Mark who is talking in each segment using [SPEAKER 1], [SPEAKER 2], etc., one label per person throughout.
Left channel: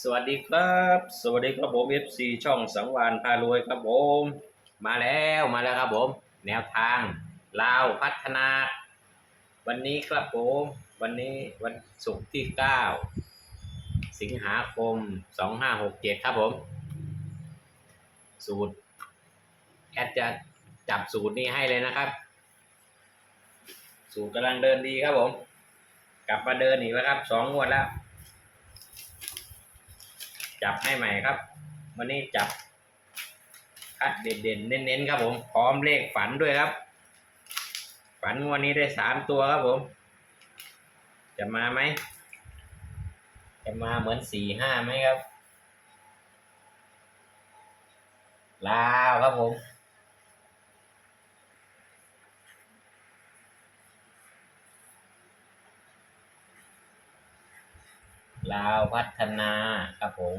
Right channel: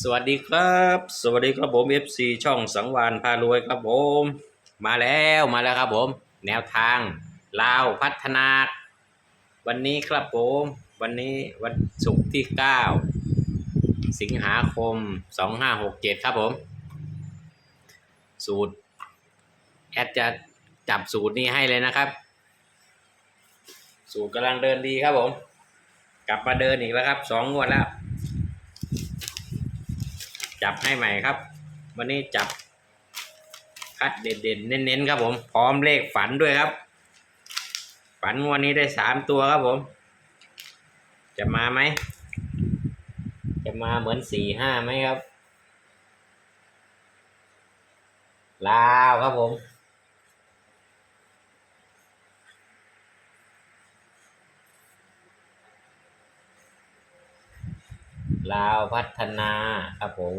[SPEAKER 1] สวัสดีครับ สวัสดีครับผม FC ช่องสังวานพารวยครับผม มาแล้วมาแล้วครับผม แนวทางลาวพัฒนา วันนี้ครับผม วันนี้วันศุกร์ที่ 9 สิงหาคม 2567 ครับผม สูตร แอดจะจับสูตรนี้ให้เลยนะครับ สูตรกำลังเดินดีครับผม กลับมาเดินอีกแล้วครับสองงวดแล้ว จับให้ใหม่ครับ วันนี้จับคัดเด่นๆเน้นๆครับผม พร้อมเลขฝันด้วยครับ ฝันวันนี้ได้สามตัวครับผม จะมาไหม จะมาเหมือนสี่ห้าไหมครับ ลาวครับผม ลาวพัฒนาครับผม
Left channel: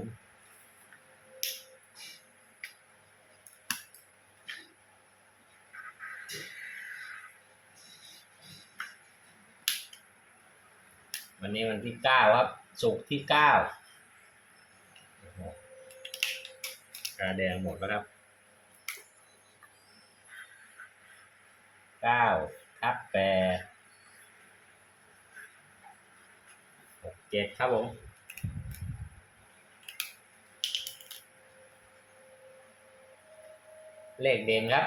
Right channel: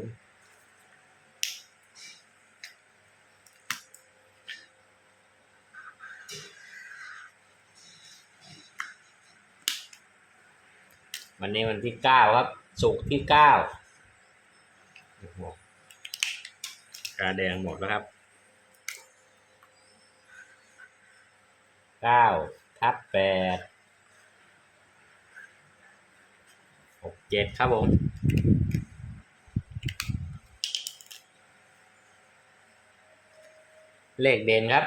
[SPEAKER 1] วันนี้วันที่เก้าครับสุกร์ที่เก้าโอ้โหกาแดงหมดแล้วครับเก้าทับแปดหก เจ็ดครับผมเลขเด่นครับ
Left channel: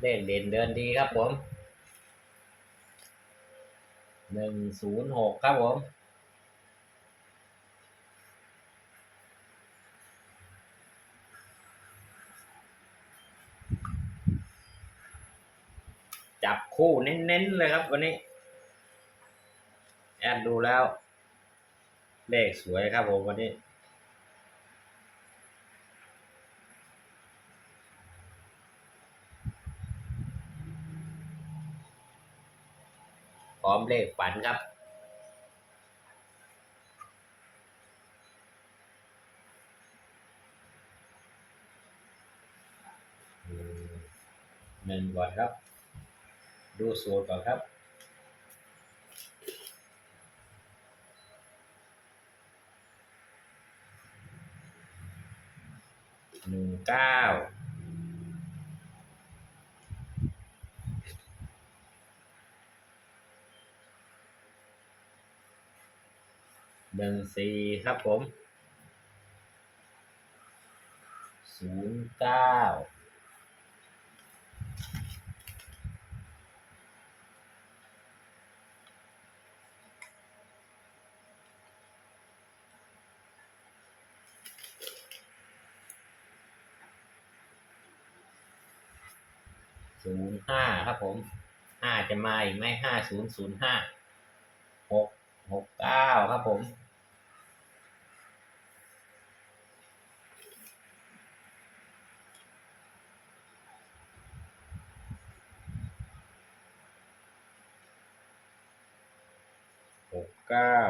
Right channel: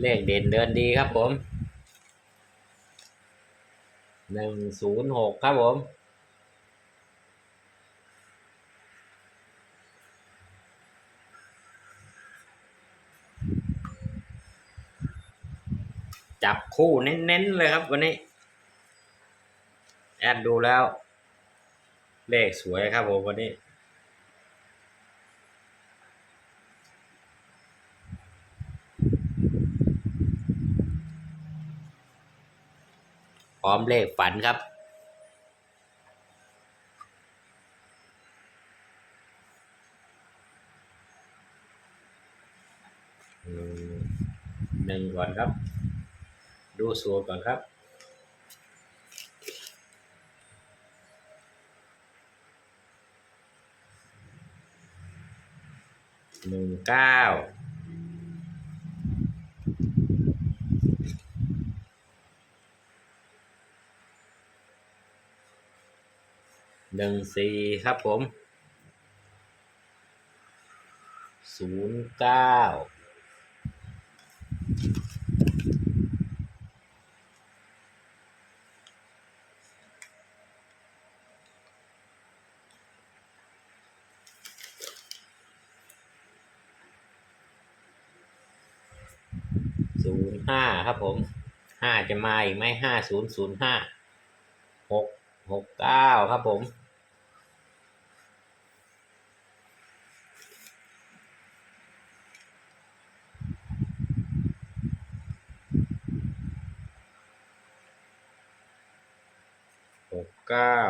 [SPEAKER 1] เลขเด่นเดือนดีครับผมหนึ่งศูนย์หกครับผม จับคู่เน้นๆเลยครับวันนี้ แอดดูแล้ว เลขสวยครับผมวันนี้พร้อมเลขฝันครับ หนึ่งก่อนครับ ดูสูตรก่อนครับ หนึ่งเก้าหนึ่งสี่ครับผมศูนย์เก้า ศูนย์ห้าครับผมห้าจะมาอีกไหมห้าศูนย์ศูนย์ห้าหกหกเก้าครับผมหกเก้า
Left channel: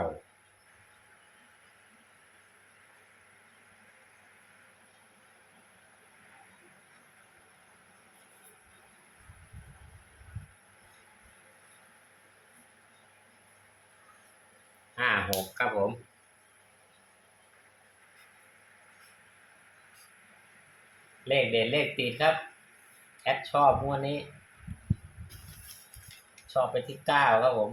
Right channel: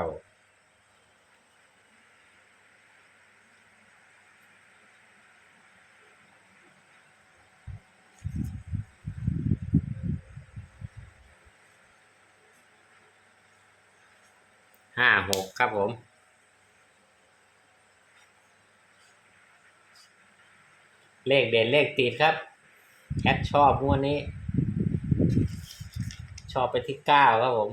[SPEAKER 1] ห้าหกครับผม เลขเด่นเลขติดครับแอดชอบงวดนี้ ชอบไปที่เก้าครับผม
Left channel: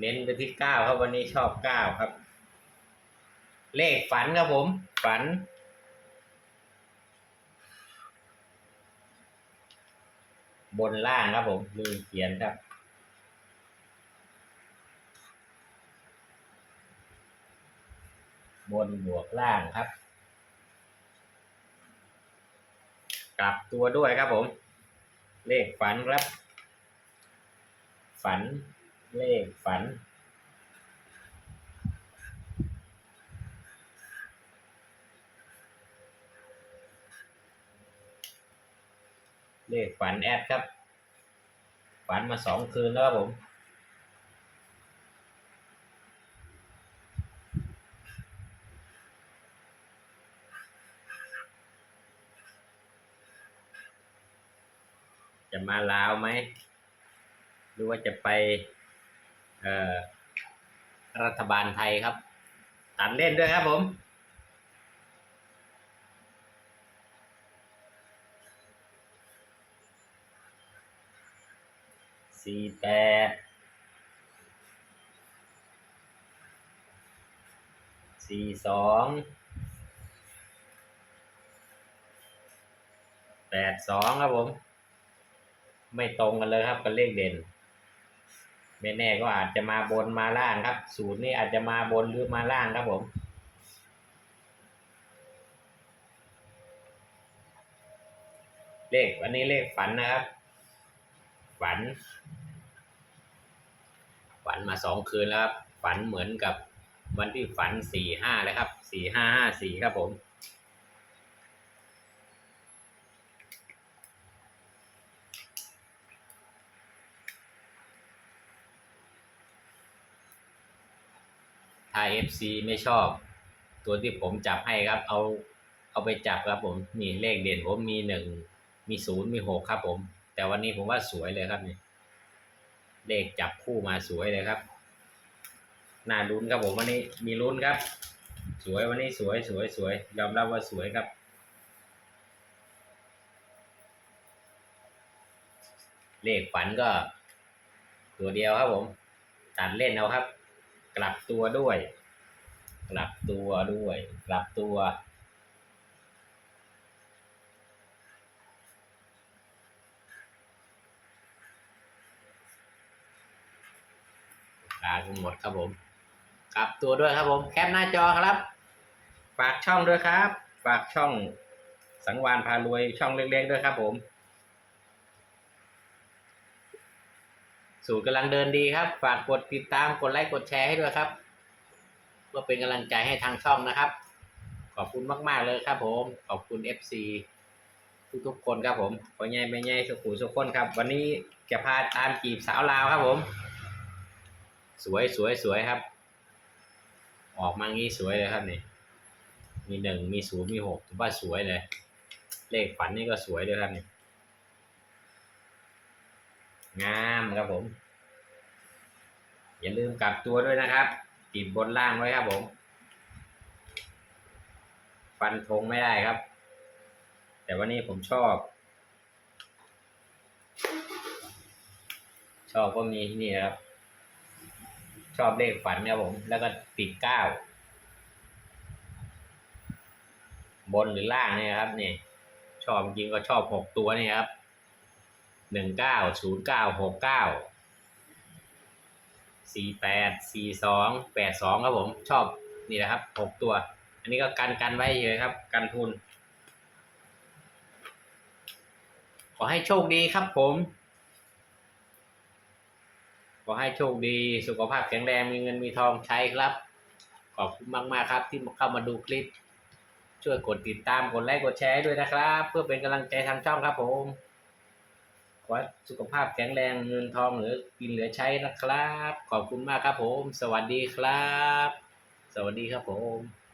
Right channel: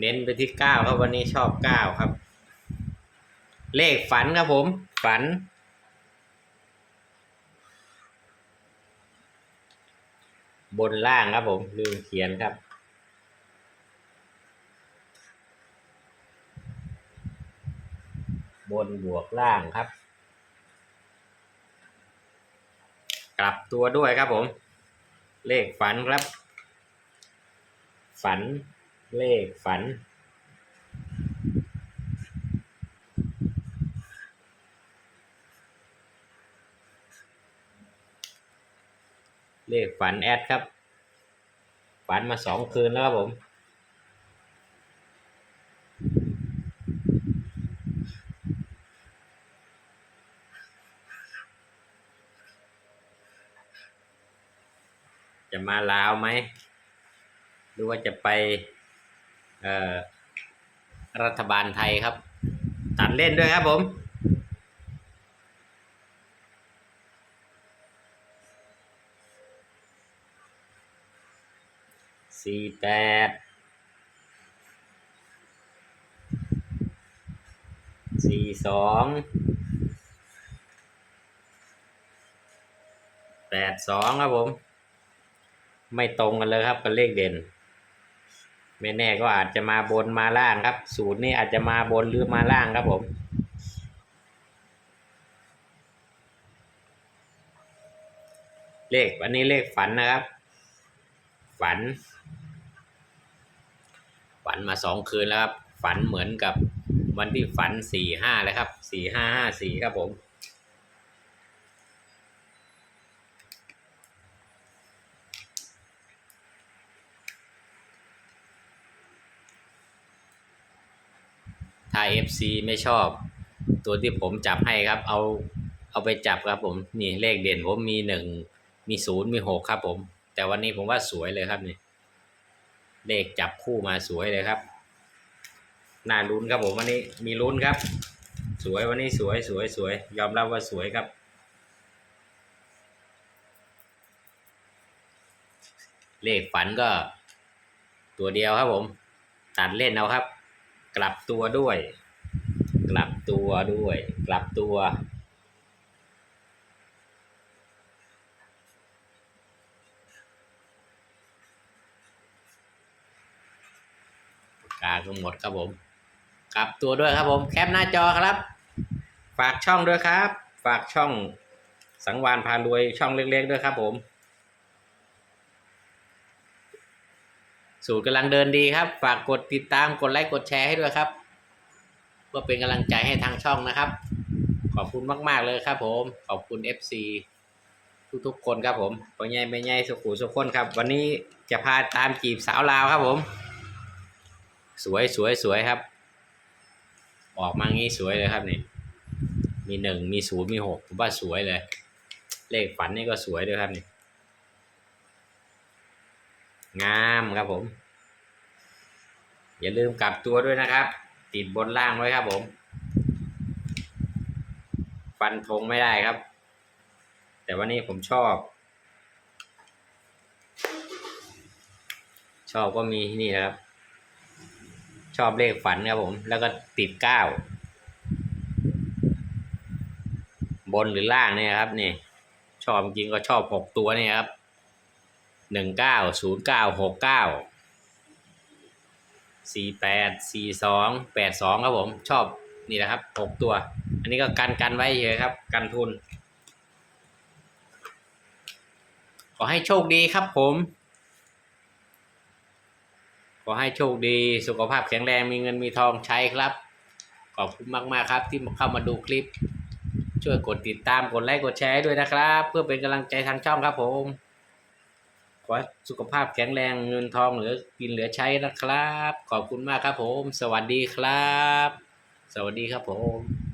[SPEAKER 1] เน้นไปที่เก้าครับวันนี้ชอบเก้าครับ เลขฝันครับผม ฝัน บนล่างครับผมลืมเขียนครับ บนบวกล่างครับ กลับตัวด้วยครับผม เลขฝันครับ ฝันเลขฝัน เลฝันแอดครับ ฝันมาสองคืนแล้วครับผม จะมาลาวไหม หรือว่าจะไปรัฐบาลไทยครับ ตัดเล่นด้วยครับผม สี่แปดสี่สองแปดสองครับผม ไม่ตรงกันเลยครับกับเลขเด่น ไม่แน่ก็อาจจะมาบนมาล่างครับ สูตรนี้อาจจะมาบนหรือมาล่างครับผมเลขวันนี้เลขฝันนะครับ ฝัน ฝันมาสองคืนแล้วครับ ฝันเหมือนกับวันที่ฝันสี่ห้าเลยครับสี่ห้าห้าสี่ครับผมถ้า FC ไม่ชอบ ตัวที่ผมจับให้ครับ เอาเอาไปจับครับผมนี่เลขเด่นผมมีหนึ่งมีศูนย์มีหกครับผม แต่วันนี้ผมว่าสวยเลยครับนี่ เลขจับคู่มาสวยเลยครับน่าลุ้นครับผมวันนี้มีลุ้นครับ สวยวันนี้สวยสวยสวย ยอมรับว่าสวยครับ เลขฝันก็ ตัวเดียวครับผมตัดเล่นเอาครับ กลับตัวด้วย กลับตัวด้วย กลับตัว ทั้งหมดครับผมกลับตัวด้วยครับผมแคปหน้าจอครับ ฝากช่องด้วยครับ ฝากช่องสังวานพารวยช่องเล็กๆด้วยครับผม สูตรกำลังเดินดีครับ ฝากกดติดตามกดไลค์กดแชร์ให้ด้วยครับเพื่อเป็นกำลังใจให้ทางช่องนะครับ ขอบคุณมาก ๆ เลยครับผม ขอบคุณ FC ทุกๆคนครับผมพ่อใหญ่แม่ใหญ่สุขุสุขคนครับ วันนี้จะพาตามจีบสาวลาวครับผม สวยสวยสวยครับ ออกมางี้สวยเลยครับนี่มีหนึ่งมีศูนย์มีหกผมว่าสวยเลย เลขฝันนี่ก็สวยด้วยครับนี่งามครับผม อย่าลืมกลับตัวด้วยนะครับ ติดบนล่างไว้ครับผม ฟันธงไม่ได้ครับ แต่วันนี้ผมชอบ ชอบก็มีนี่นะครับ ชอบเลขฝันครับผม แล้วก็ติดเก้าบนหรือล่างเนี่ยครับนี่ชอบจริงก็ชอบหกตัวเนี่ยครับหนึ่งเก้าศูนย์เก้าหกเก้าสี่แปดสี่สองแปดสองครับผมชอบนี่แหละครับหกตัว อันนี้ก็กันกันไว้เฉยครับ กันทุน ขอให้โชคดีครับผม อให้โชคดี สุขภาพแข็งแรงมีเงินมีทองใช้ครับ ขอบคุณมาก ๆ ครับที่มาเข้ามาดูคลิป ช่วยกดติดตามกดไลค์กดแชร์ด้วยนะครับ เพื่อเป็นกำลังใจทางช่องครับผมขอสุขภาพแข็งแรงเงินทองเหลือกินเหลือใช้นะครับ ขอบคุณมากครับผม สวัสดีครับ สวัสดีครับผม